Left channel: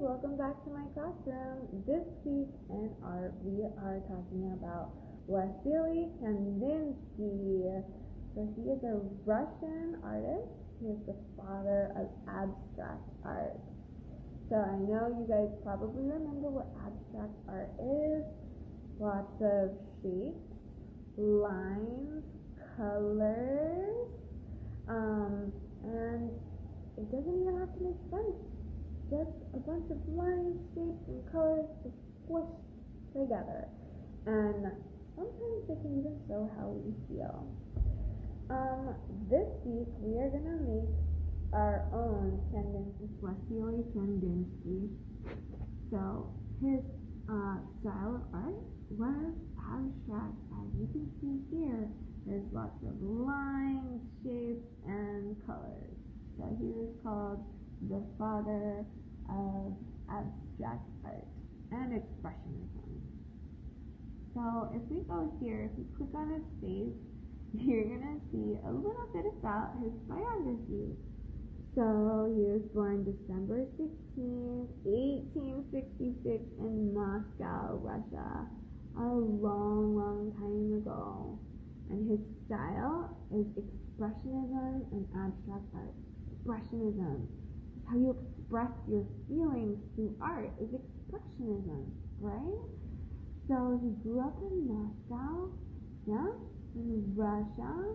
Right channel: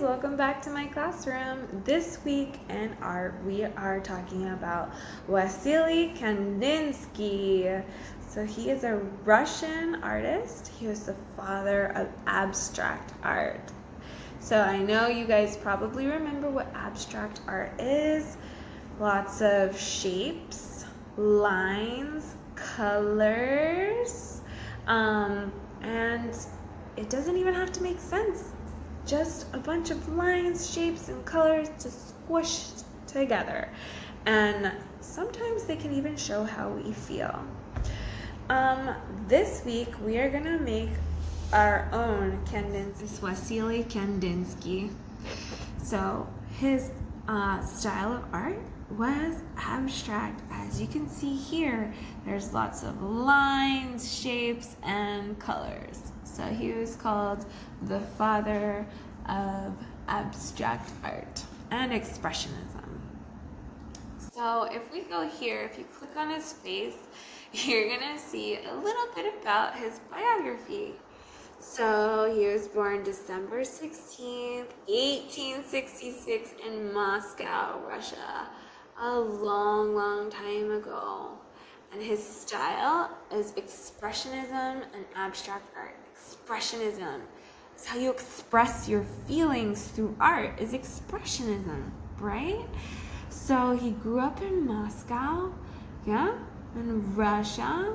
welcome back to my classroom. This week in art we are talking about Wasily Kandinsky. So he is a Russian artist. He was the father of abstract art. So I know you guys probably remember what abstract art is. Lots of shapes, lines, colors, and it doesn't even have to make sense. Just a bunch of lines, shapes, and colors just squished together. And sometimes they can even show how we feel. This week we are gonna make our own Wasily Kandinsky. So his style of art was abstract. As you can see here, there's lots of lines, shapes, and colors. So he was called the father of abstract art and expressionism. So if we go here, if you click on his face, you're gonna see a little bit about his biography. So he was born December 16th, 1866 in Moscow, Russia, a long time ago. And his style is expressionism and abstract art. Expressionism is how you express your feelings through art, is expressionism, right? So he grew up in Moscow, in Russia.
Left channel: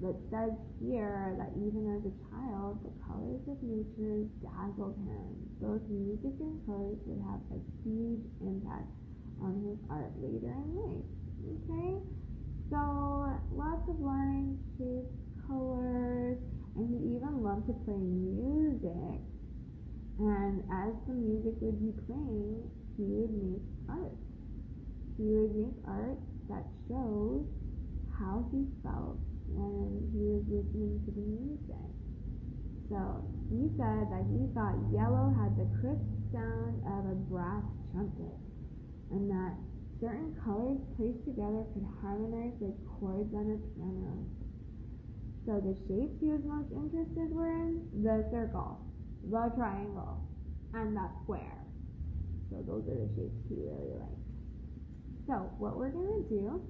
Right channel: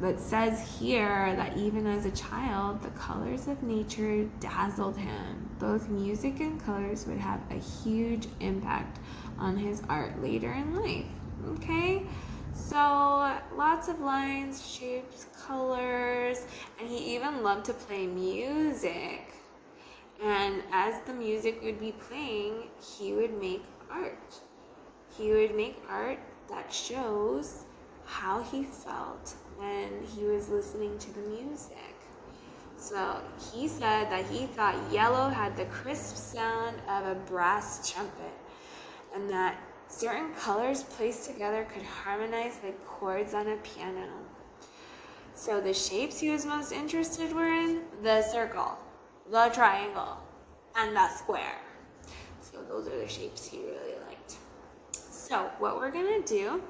But says here that even as a child, the colors of nature dazzled him. Both music and colors would have a huge impact on his art later in life. Okay, so lots of lines, shapes, colors, and he even loved to play music. And as the music would be playing, he would make art. He would make art that shows how he felt when he was listening to the music. So he said that he thought yellow had the crisp sound of a brass trumpet, and that certain colors placed together could harmonize like chords on a piano. So the shapes he was most interested were in the circle, the triangle, and the square. So those are the shapes he really liked. So what we're gonna do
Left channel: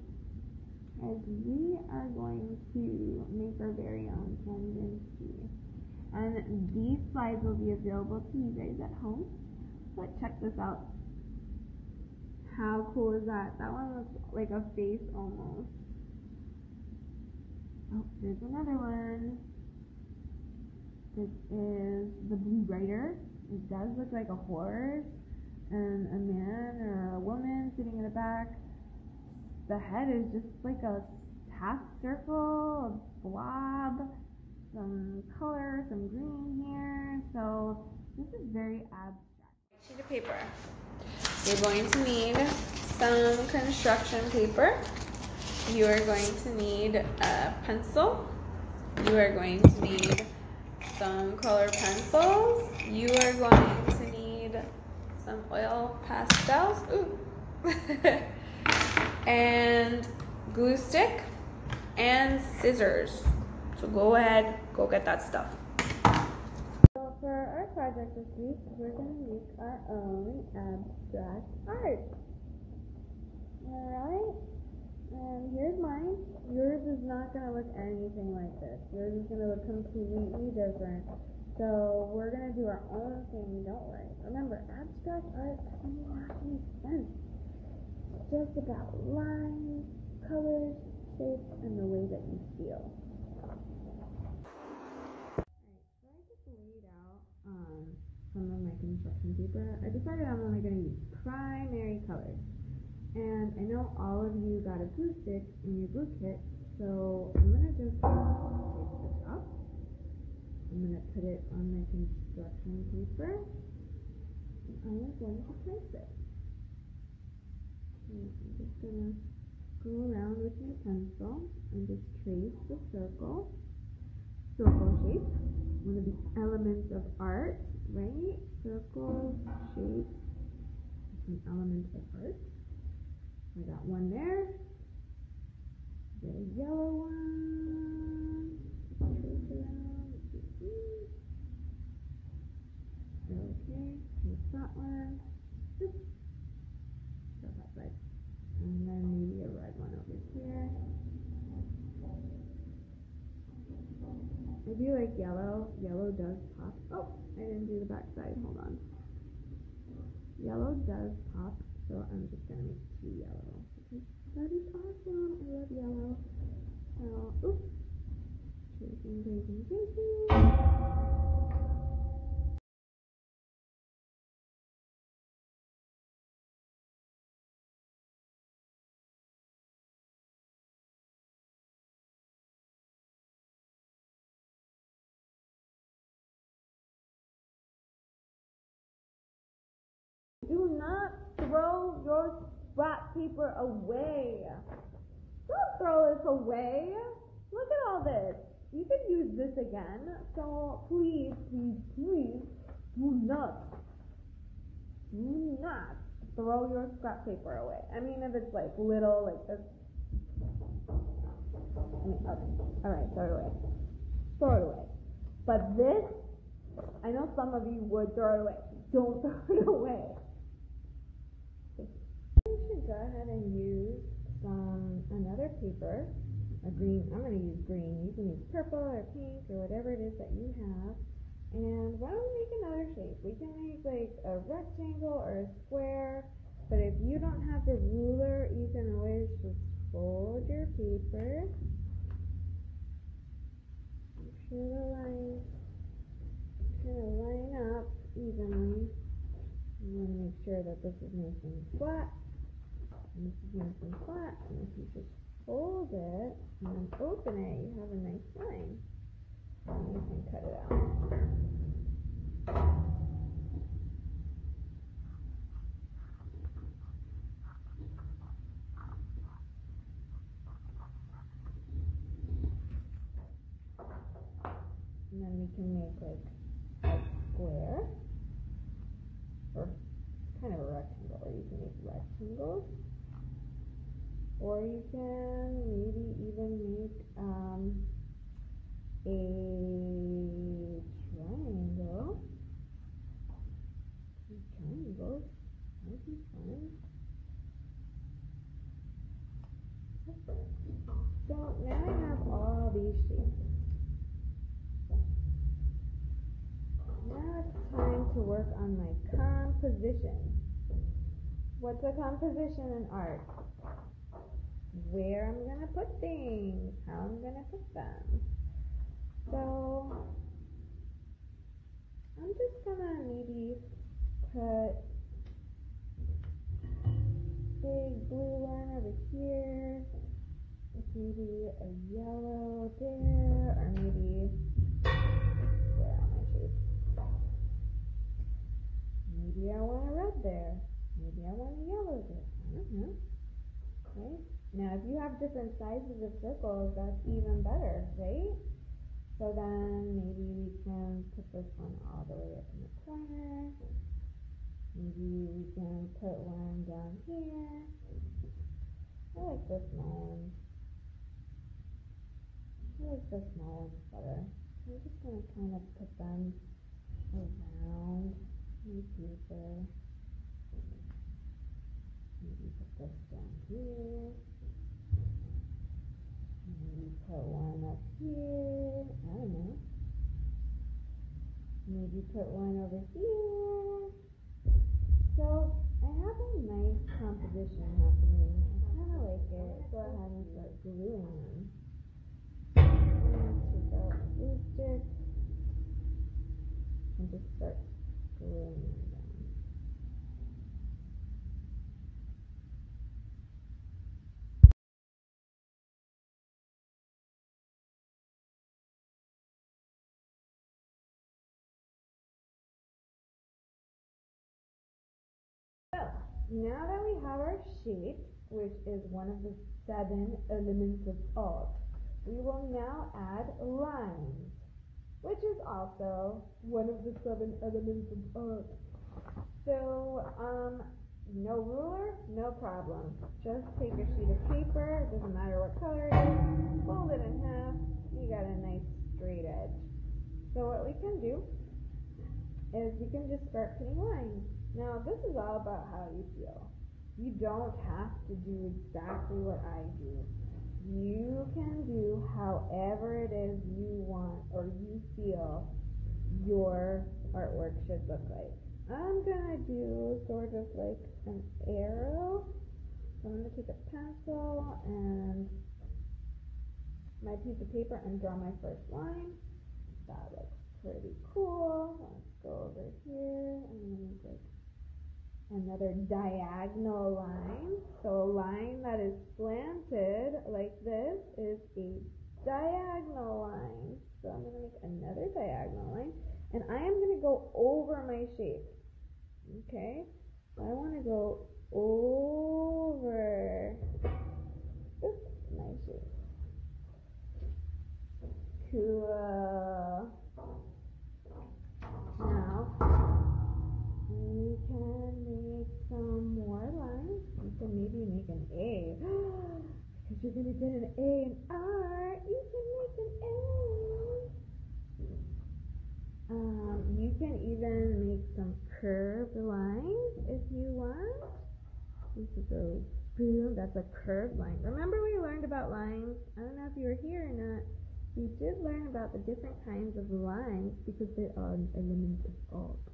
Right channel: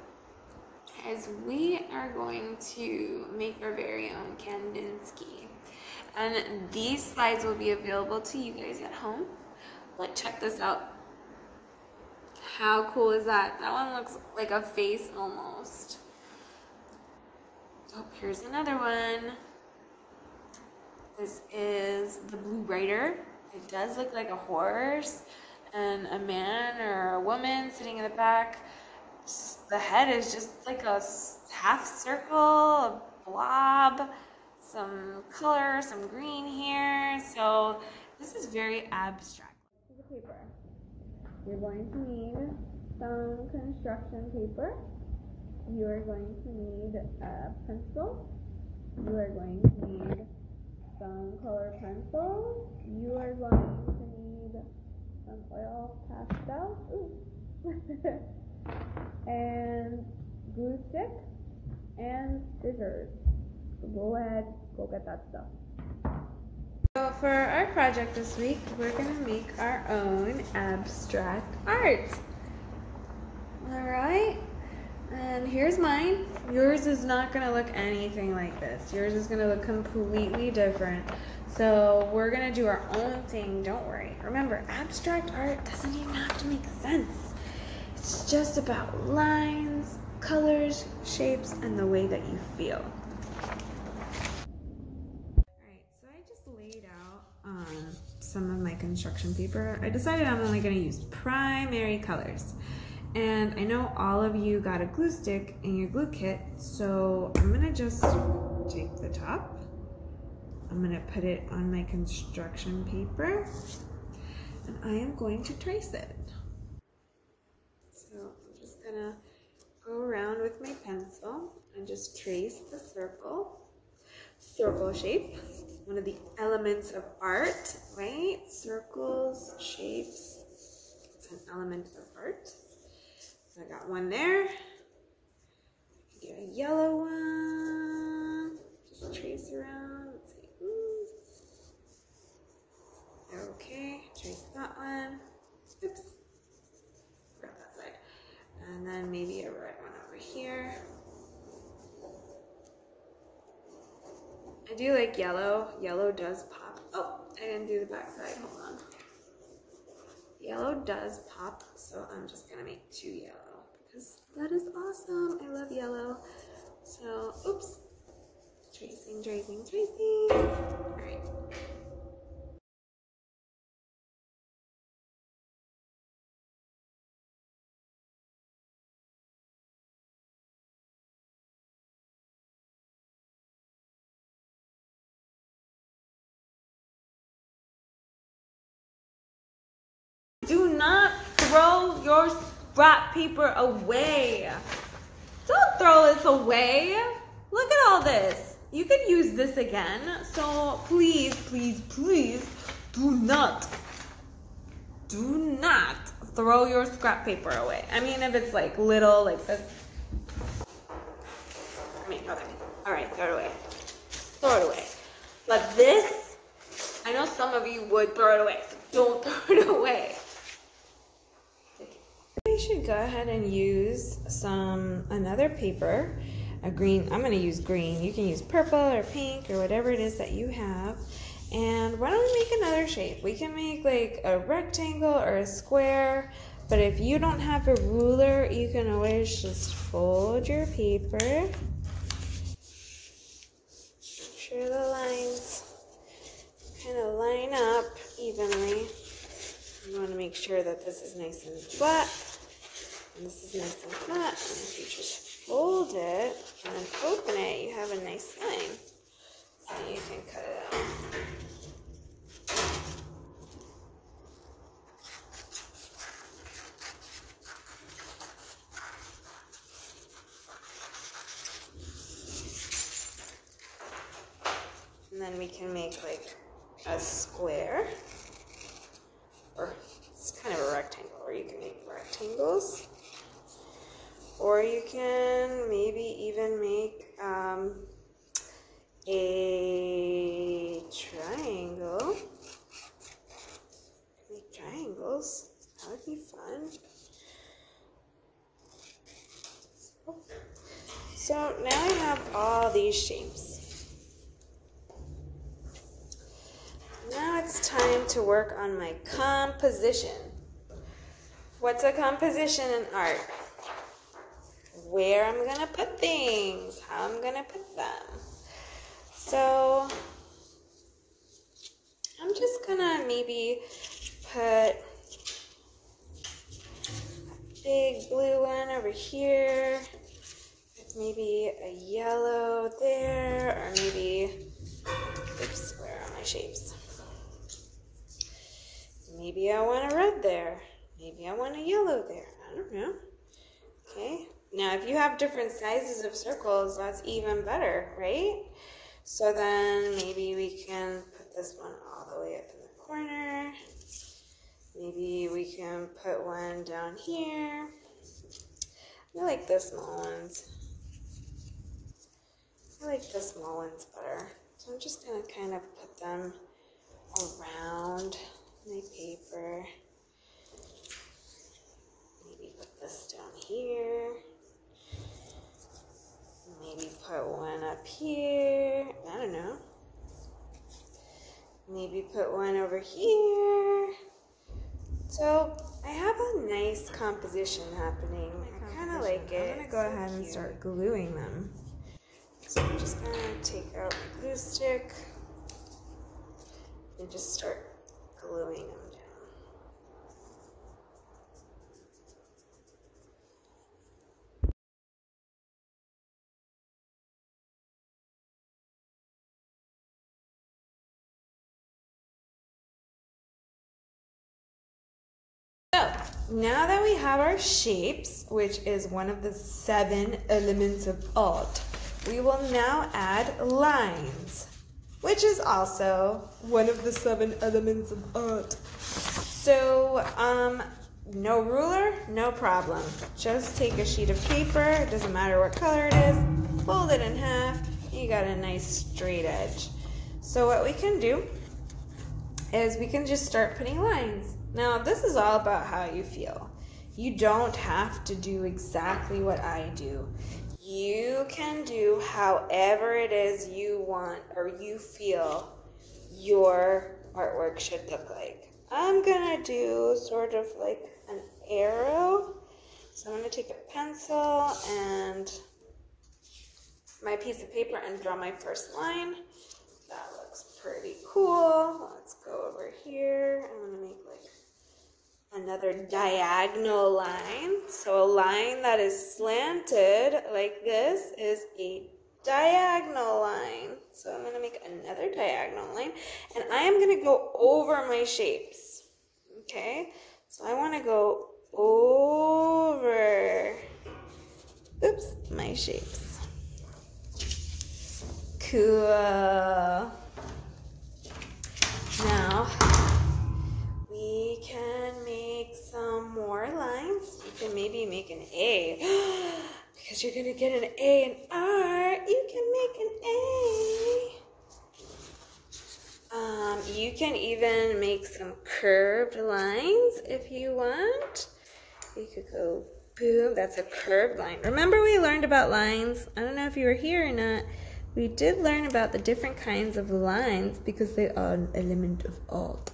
is we are going to make our very own Kandinsky. And these slides will be available to you guys at home. Let's check this out. How cool is that? That one looks like a face almost. Oh, here's another one. This is the Blue Rider. It does look like a horse and a man or a woman sitting in the back. The head is just like a half circle, a blob, some color, some green here. So this is very abstract. Sheet of paper. You're going to need some construction paper. You are going to need a pencil. You are going to need some color pencils. You are going to need some oil pastels. Ooh. And glue stick and scissors. So go ahead, go get that stuff. So for our project this week, we're gonna make our own abstract art. All right, and here's mine. Yours is not gonna look anything like this. Yours is gonna look completely different. So we're gonna do our own thing, don't worry. Remember, abstract art doesn't even have to make sense. It's just about lines, colors, shapes, and the way that you feel. Alright, so I just laid out some of my construction paper. I decided I'm only going to use primary colors. And I know all of you got a glue stick in your glue kit, so I'm going to just take the top. I'm going to put it on my construction paper, and I am going to trace it. So I'm just gonna go around with my pencil and just trace the circle shape, one of the elements of art, right? Circles, shapes, it's an element of art. So I got one there. Get a yellow one, just trace around. Let's see. Okay, trace that one. Oops. Grab that side. And then maybe a red one over here. I do like yellow. Yellow does pop. Oh, I didn't do the back side. Hold on. Yellow does pop, so I'm just gonna make 2 yellow because that is awesome. I love yellow. So, oops. Tracing, tracing, tracing. All right. Do not throw your scrap paper away. Don't throw this away. Look at all this. You could use this again. So please, please, please do not throw your scrap paper away. I mean, if it's like little, like this. I mean, okay. All right, throw it away. Throw it away. But this, I know some of you would throw it away. So don't throw it away. I should go ahead and use another paper, a green. I'm going to use green. You can use purple or pink or whatever it is that you have. And why don't we make another shape? We can make like a rectangle or a square, but if you don't have a ruler, you can always just fold your paper. Make sure the lines kind of line up evenly. You want to make sure that this is nice and flat. And this is nice and flat, and if you just fold it and then open it, you have a nice line. So you can cut it out. And then we can make like a square, or it's kind of a rectangle, or you can make rectangles. Or you can maybe even make a triangle. Make triangles. That would be fun. So now I have all these shapes. Now it's time to work on my composition. What's a composition in art? Where I'm gonna put things, how I'm gonna put them. So I'm just gonna maybe put a big blue one over here, with maybe a yellow there, or maybe, oops, where are my shapes? Maybe I want a red there, maybe I want a yellow there, I don't know. Okay. Now, if you have different sizes of circles, that's even better, right? So then maybe we can put this one all the way up in the corner. Maybe we can put one down here. I like the small ones. I like the small ones better. So I'm just gonna kind of put them around my paper. Maybe put this down here. Maybe put one up here. I don't know. Maybe put one over here. So I have a nice composition happening. I kind of like it. I'm gonna go ahead and start gluing them. So I'm just gonna take out my glue stick and just start gluing them down. So now that we have our shapes, which is one of the 7 elements of art, we will now add lines, which is also one of the 7 elements of art. So no ruler, no problem. Just take a sheet of paper, it doesn't matter what color it is, fold it in half, you got a nice straight edge. So what we can do is we can just start putting lines. Now, this is all about how you feel. You don't have to do exactly what I do. You can do however it is you want or you feel your artwork should look like. I'm gonna do sort of like an arrow. So I'm gonna take a pencil and my piece of paper and draw my first line. That looks pretty cool. Let's go over here. I'm gonna make like another diagonal line. So a line that is slanted like this is a diagonal line. So I'm gonna make another diagonal line and I am gonna go over my shapes. Okay, so I wanna go over, oops, my shapes. Cool. Now, we can make some more lines. You can maybe make an A. Because you're gonna get an A in art, you can make an A. You can even make some curved lines if you want. You could go boom, that's a curved line. Remember we learned about lines? I don't know if you were here or not. We did learn about the different kinds of lines because they are an element of art.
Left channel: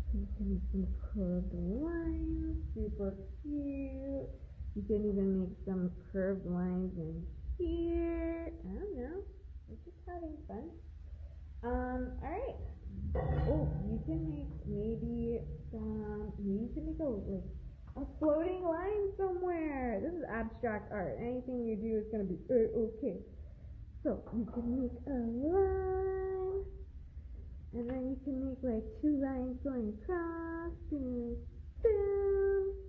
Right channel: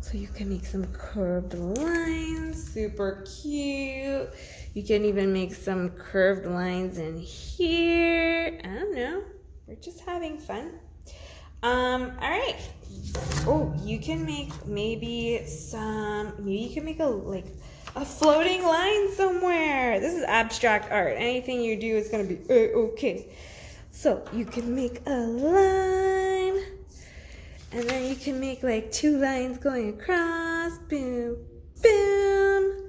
So you can make some curved lines, super cute. You can even make some curved lines in here. I don't know, we're just having fun. All right. Oh, you can make maybe you can make a floating line somewhere. This is abstract art. Anything you do is gonna be okay. So you can make a line, and then you can make like two lines going across, boom, boom.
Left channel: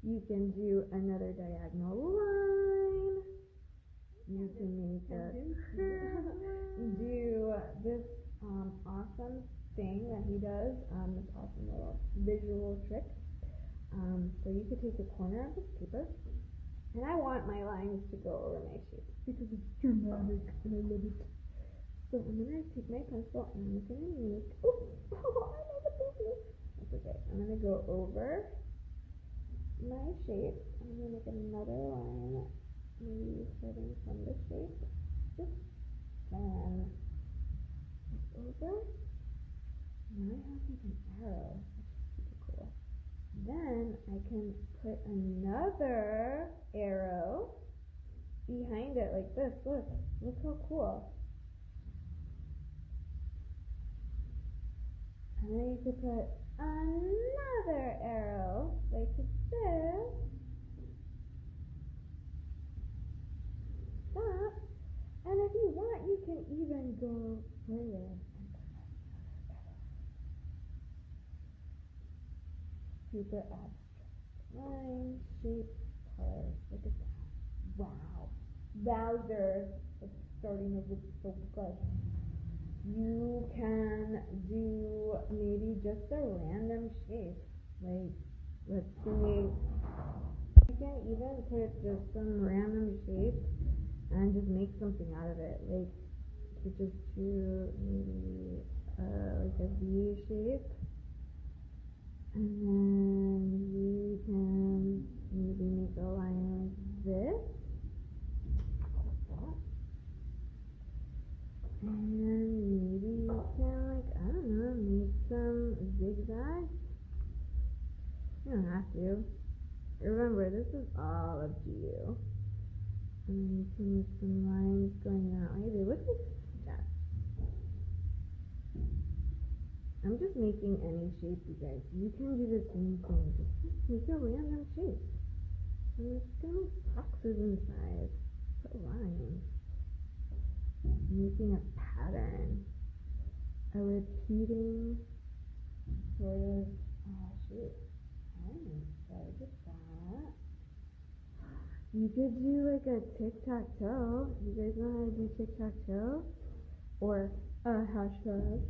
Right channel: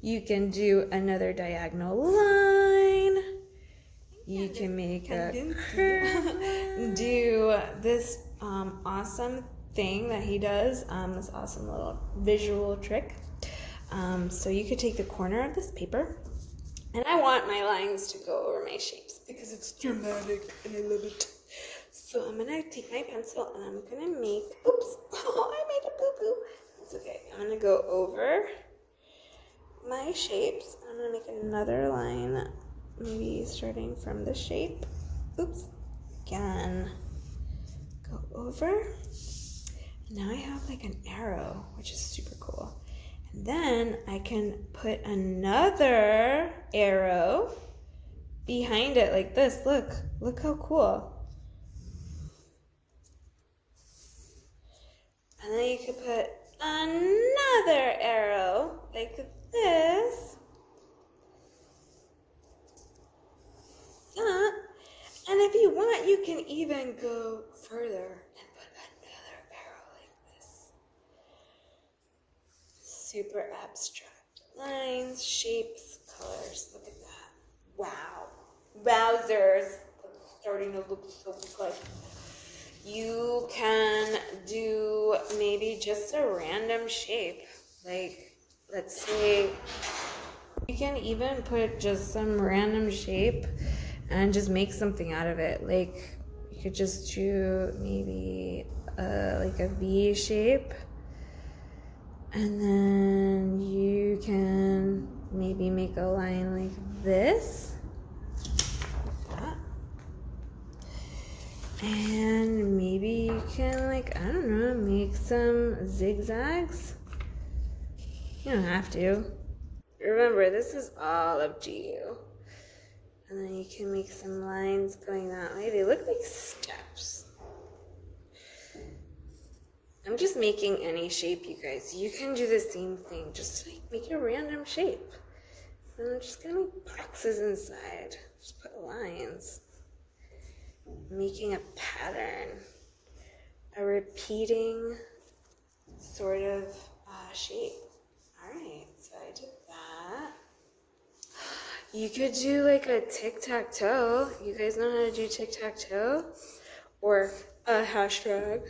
You can do another diagonal line. You can make a curve. Do this awesome thing that he does, this awesome little visual trick. So you could take the corner of this paper, and I want my lines to go over my shapes because it's dramatic and I love it. So I'm gonna take my pencil and I'm gonna make, oops, oh, I made a boo-boo. It's okay. I'm gonna go over my shapes. I'm gonna make another line, maybe starting from the shape. Oops, again. Go over. And now I have like an arrow, which is super cool. And then I can put another arrow behind it like this. Look how cool. And then you could put another arrow like this. And if you want, you can even go further and put another arrow like this. Super abstract lines, shapes, colors. Look at that. Wow. Wowzers. It's starting to look so good. You can do maybe just a random shape. Like, let's say, you can even put just some random shape and just make something out of it. Like, you could just do maybe like a V shape. And then you can maybe make a line like this. And maybe you can, like, I don't know, make some zigzags. You don't have to. Remember, this is all up to you. And then you can make some lines going that way. They look like steps. I'm just making any shape, you guys. You can do the same thing. Just like make a random shape. And I'm just gonna make boxes inside. Just put lines. Making a pattern. A repeating sort of shape. Alright, so I did that. You could do like a tic-tac-toe. You guys know how to do tic-tac-toe? Or a hashtag.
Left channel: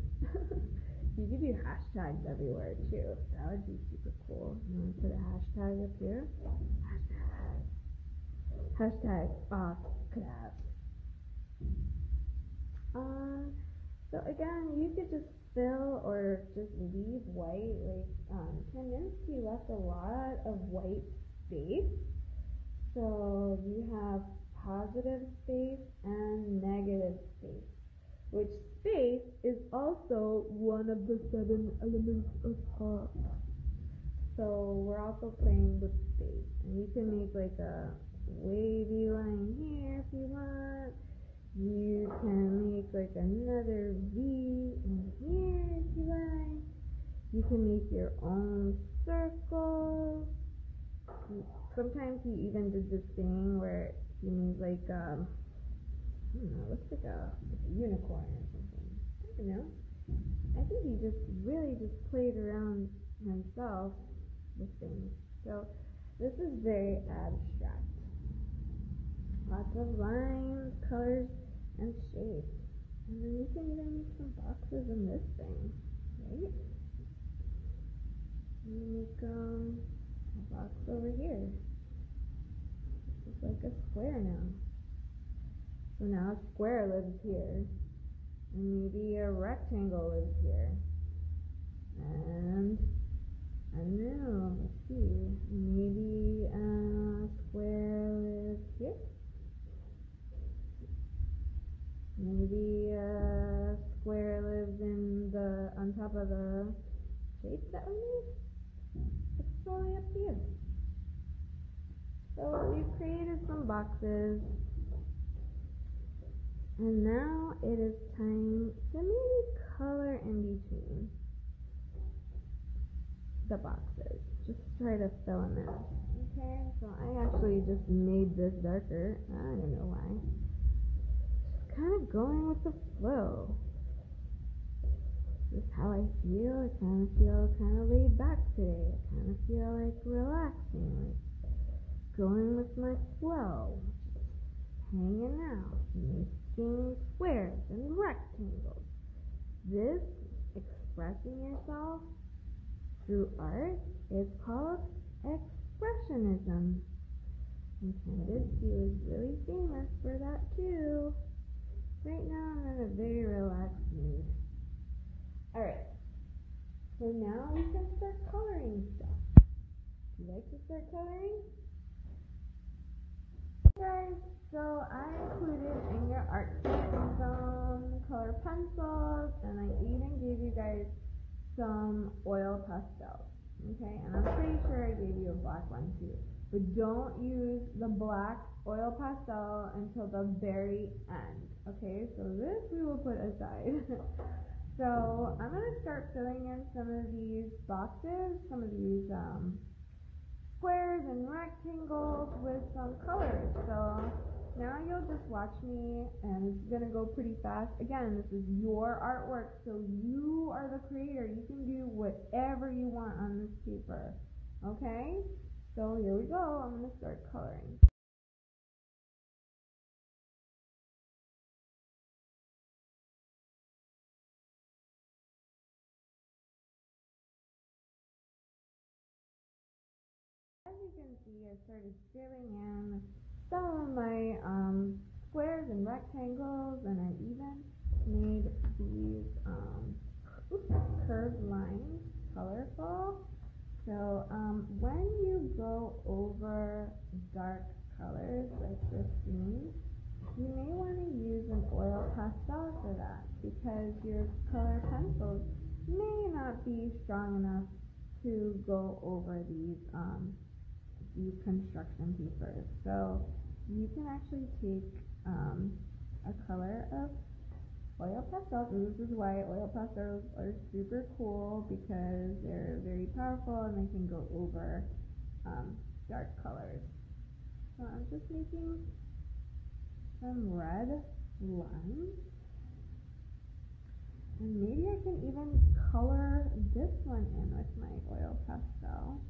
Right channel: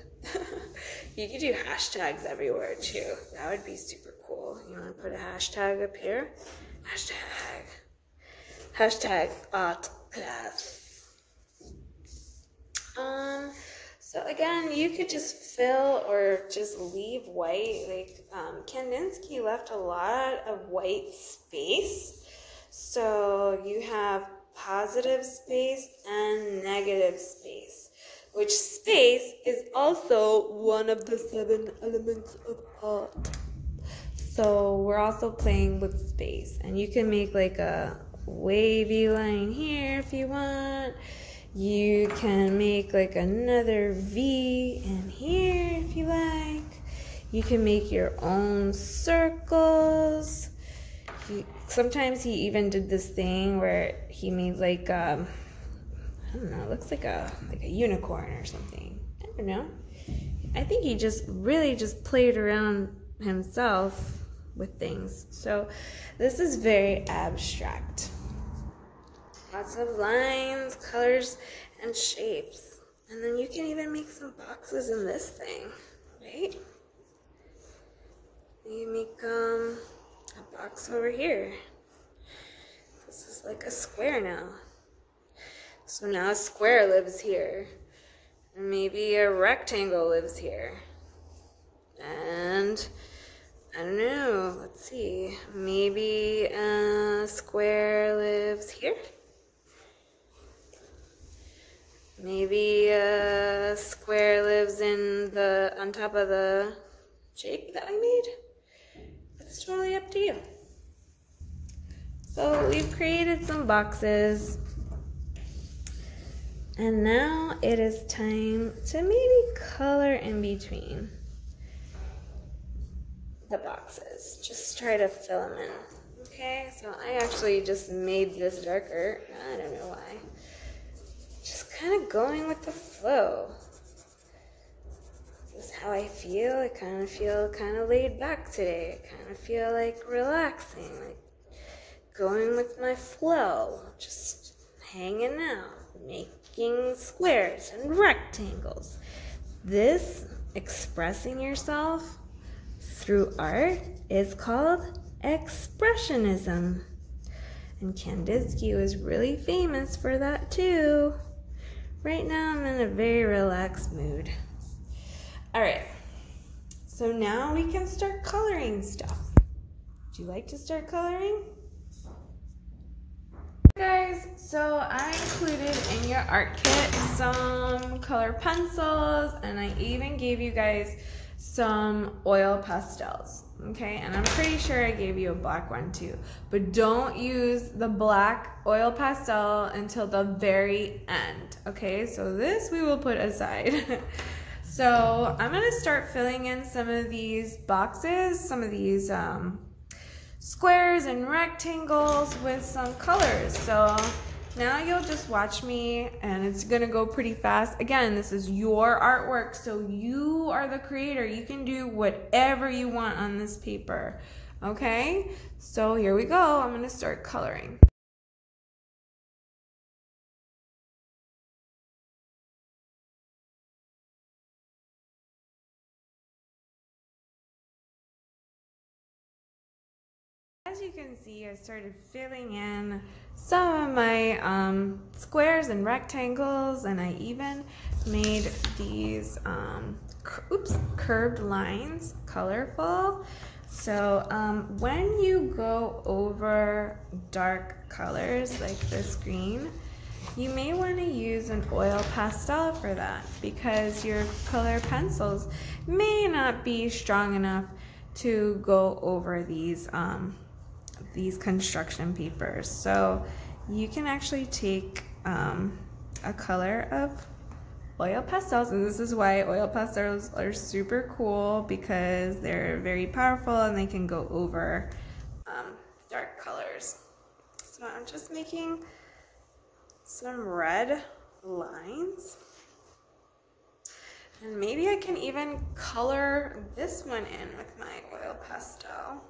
You could do hashtags everywhere too. That would be super cool. You want to put a hashtag up here? Hashtag art class. So again, you could just fill or just leave white. Like Kandinsky left a lot of white space. So you have positive space and negative space, which space is also one of the 7 elements of art. So we're also playing with space, and you can make like a wavy line here if you want. You can make like another V in here if you like. You can make your own circles. Sometimes he even did this thing where he made like I don't know, it looks like a unicorn or something. I don't know. I think he just really just played around himself with things. So this is very abstract. Lots of lines, colors, and shapes. And then you can even make some boxes in this thing, right? You make a box over here. This is like a square now. So now a square lives here. And maybe a rectangle lives here. And I don't know, let's see. Maybe a square lives here. Maybe a square lives on top of the shape that I made. It's totally up to you. So we've created some boxes. And now it is time to maybe color in between the boxes. Just try to fill them in. Okay, so I actually just made this darker. I don't know why. Just kind of going with the flow. This is how I feel. I kind of feel kind of laid back today. I kind of feel like relaxing, like going with my flow, just hanging out, making squares and rectangles. This expressing yourself through art is called expressionism. And Kandinsky was really famous for that too. Right now I'm in a very relaxed mood. All right, so now we can start coloring stuff. Would you like to start coloring? Guys, so I included in your art kit some color pencils, and I even gave you guys some oil pastels, okay? And I'm pretty sure I gave you a black one too, but don't use the black oil pastel until the very end, okay? So this we will put aside. So I'm gonna start filling in some of these boxes, some of these squares and rectangles with some colors. So now you'll just watch me, and it's gonna go pretty fast. Again, this is your artwork, so you are the creator. You can do whatever you want on this paper, okay? So here we go. I'm gonna start coloring. As you can see, I started filling in some of my squares and rectangles, and I even made these curved lines colorful. So when you go over dark colors like this green, you may want to use an oil pastel for that, because your color pencils may not be strong enough to go over these construction papers. So you can actually take a color of oil pastels, and this is why oil pastels are super cool, because they're very powerful and they can go over dark colors. So I'm just making some red lines, and maybe I can even color this one in with my oil pastel.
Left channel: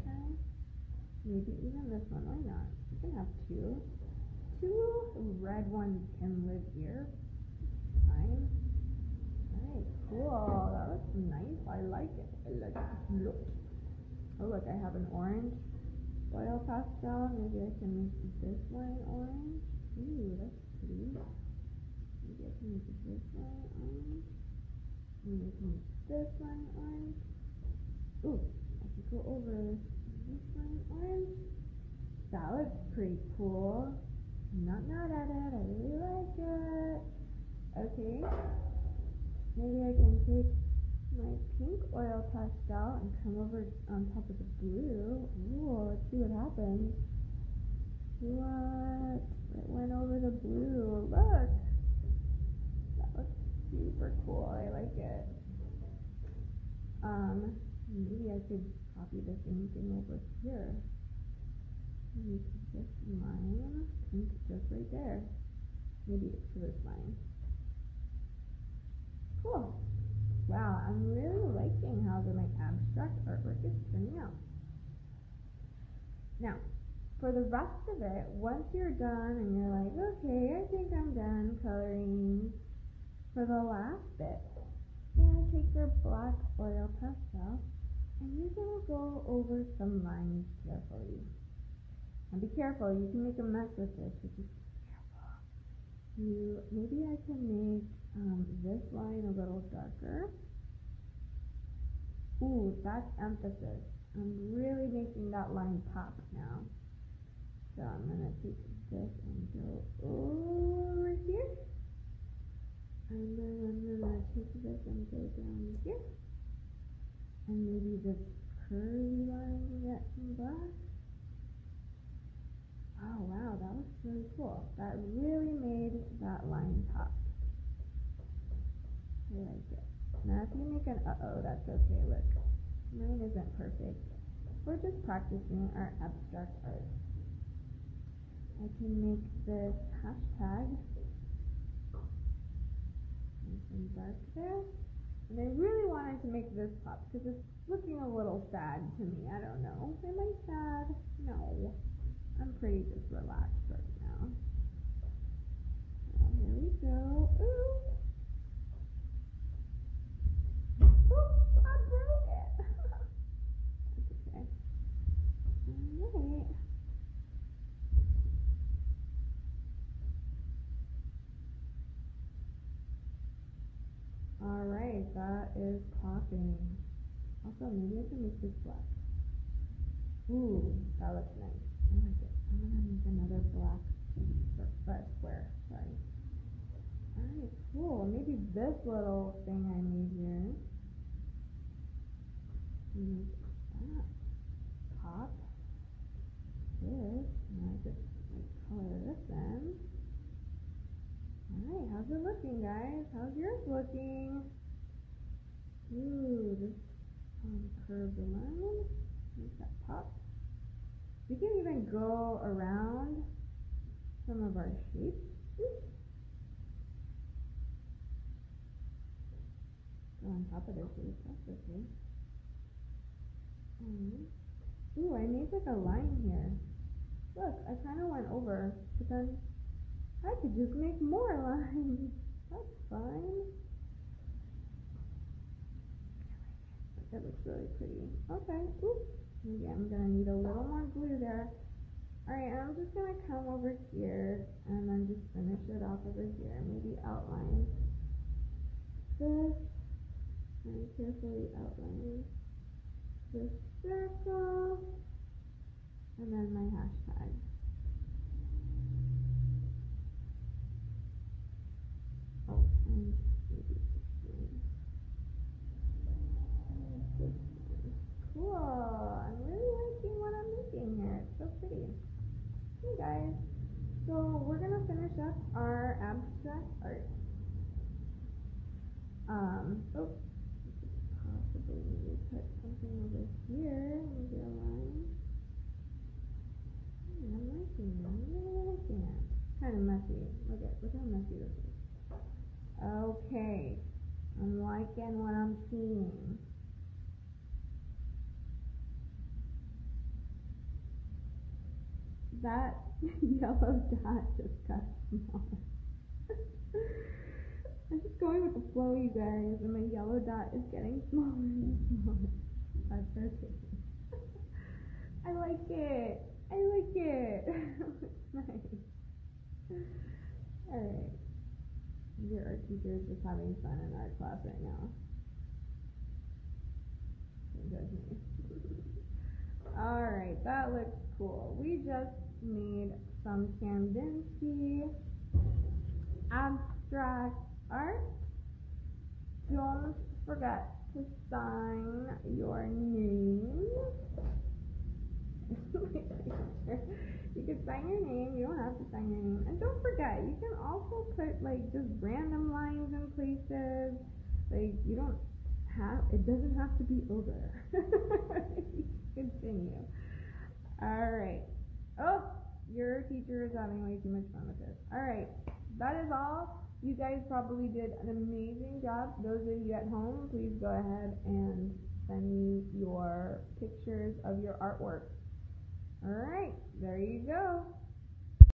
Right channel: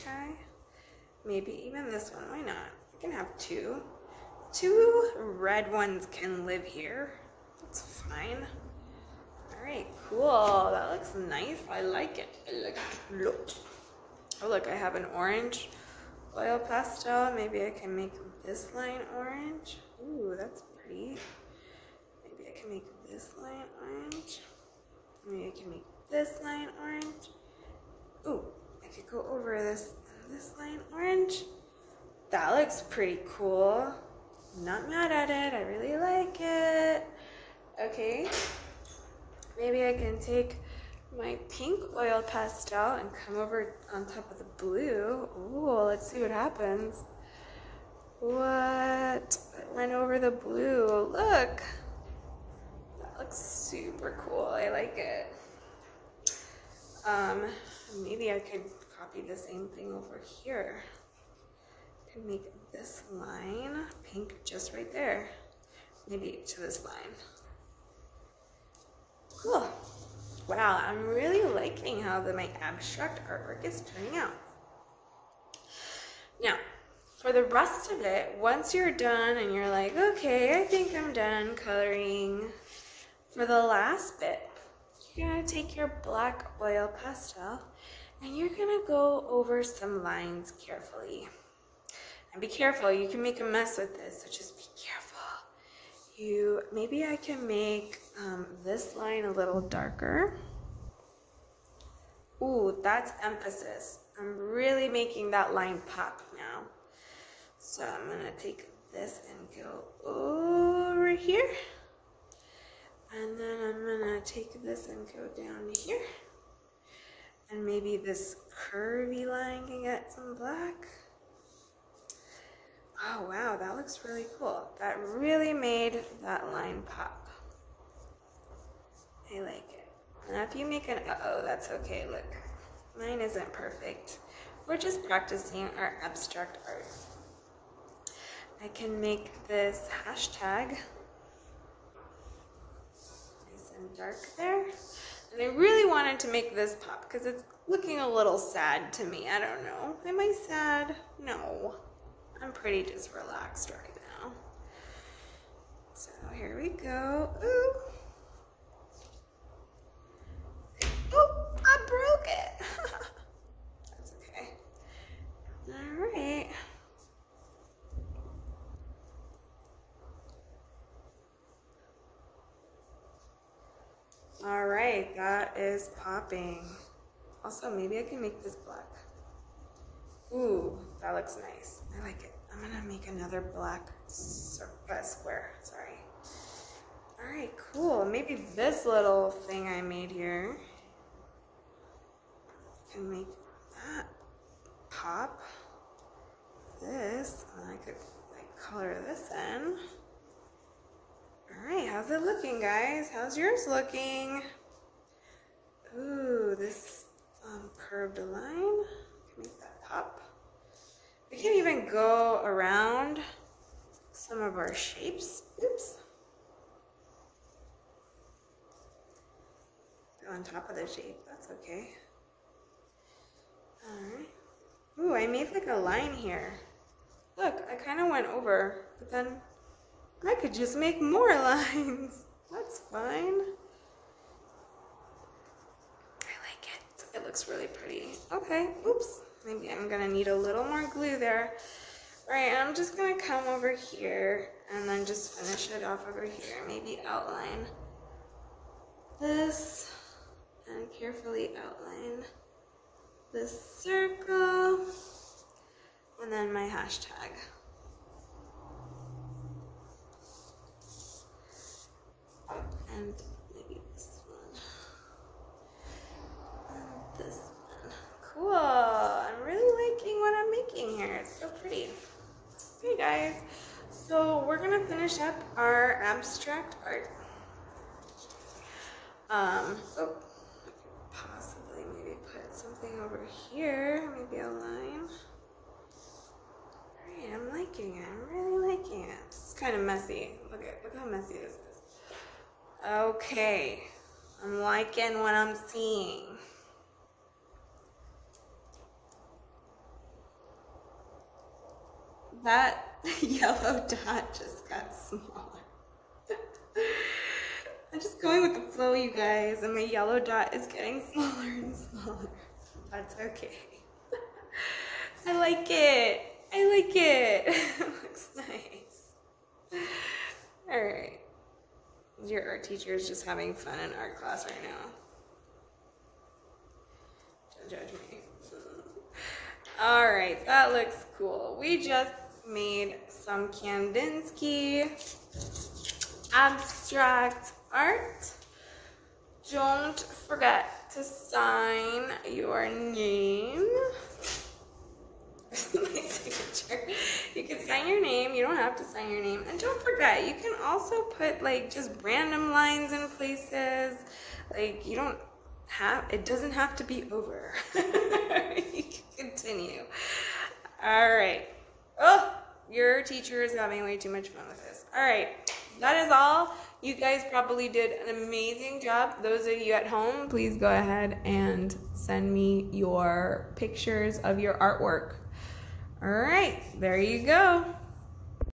Okay, maybe even this one, why not? You can have two. Two red ones can live here. That's fine. All right, cool. That looks nice. I like it. I like it. Look. Oh, look, I have an orange oil pastel. Maybe I can make this line orange. Ooh, that's pretty. Maybe I can make this line orange. Maybe I can make this line orange. Ooh, I could go over this line orange. That looks pretty cool. I'm not mad at it. I really like it. Okay. Maybe I can take my pink oil pastel and come over on top of the blue. Ooh, let's see what happens. What? It went over the blue. Look. That looks super cool. I like it. Maybe I could copy the same thing over here. I could make this line pink just right there. Maybe to this line. Cool. Wow, I'm really liking how my abstract artwork is turning out. Now, for the rest of it, once you're done and you're like, okay, I think I'm done coloring, for the last bit, you're gonna take your black oil pastel and you're gonna go over some lines carefully. And be careful, you can make a mess with this, so just be careful. Maybe I can make this line a little darker. Ooh, that's emphasis. I'm really making that line pop now. So I'm gonna take this and go over here. And then I'm gonna take this and go down to here. And maybe this curvy line can get some black. Oh wow, that looks really cool. That really made that line pop. I like it. Now if you make an uh-oh, that's okay, look. Mine isn't perfect. We're just practicing our abstract art. I can make this hashtag nice and dark there. And I really wanted to make this pop because it's looking a little sad to me. I don't know. Am I sad? No. I'm pretty just relaxed right now. So here we go. Ooh. Oh, I broke it. That's okay. All right. All right, that is popping. Also, maybe I can make this black. Ooh, that looks nice. I like it. I'm gonna make another black square, sorry. All right, cool. Maybe this little thing I made here can make that pop. This, and I could like color this in. All right, how's it looking, guys? How's yours looking? Ooh, this curved line. Make that pop. We can even go around some of our shapes. Oops. Go on top of the shape, that's okay. All right. Ooh, I made like a line here. Look, I kind of went over, but then I could just make more lines. That's fine. I like it. It looks really pretty. Okay, oops. Maybe I'm gonna need a little more glue there. All right, I'm just gonna come over here and then just finish it off over here. Maybe outline this and carefully outline this circle and then my hashtag. And maybe this one. And this one. Cool. I'm really liking what I'm making here. It's so pretty. Okay, guys. So we're gonna finish up our abstract art. So I could possibly maybe put something over here. Maybe a line. All right, I'm liking it. I'm really liking it. This is kind of messy. Look how messy this is. Okay, I'm liking what I'm seeing. That yellow dot just got smaller. I'm just going with the flow, you guys, and my yellow dot is getting smaller and smaller. That's okay. I like it. I like it. It looks nice. All right. Your art teacher is just having fun in art class right now. Don't judge me. All right, that looks cool. We just made some Kandinsky abstract art. Don't forget to sign your name. My signature. You can sign your name. You don't have to sign your name. And don't forget, you can also put like just random lines in places. Like you don't have, it doesn't have to be over. You can continue. All right. Oh, your teacher is having way too much fun with this. All right. That is all. You guys probably did an amazing job. Those of you at home, please go ahead and send me your pictures of your artwork. All right, there you go.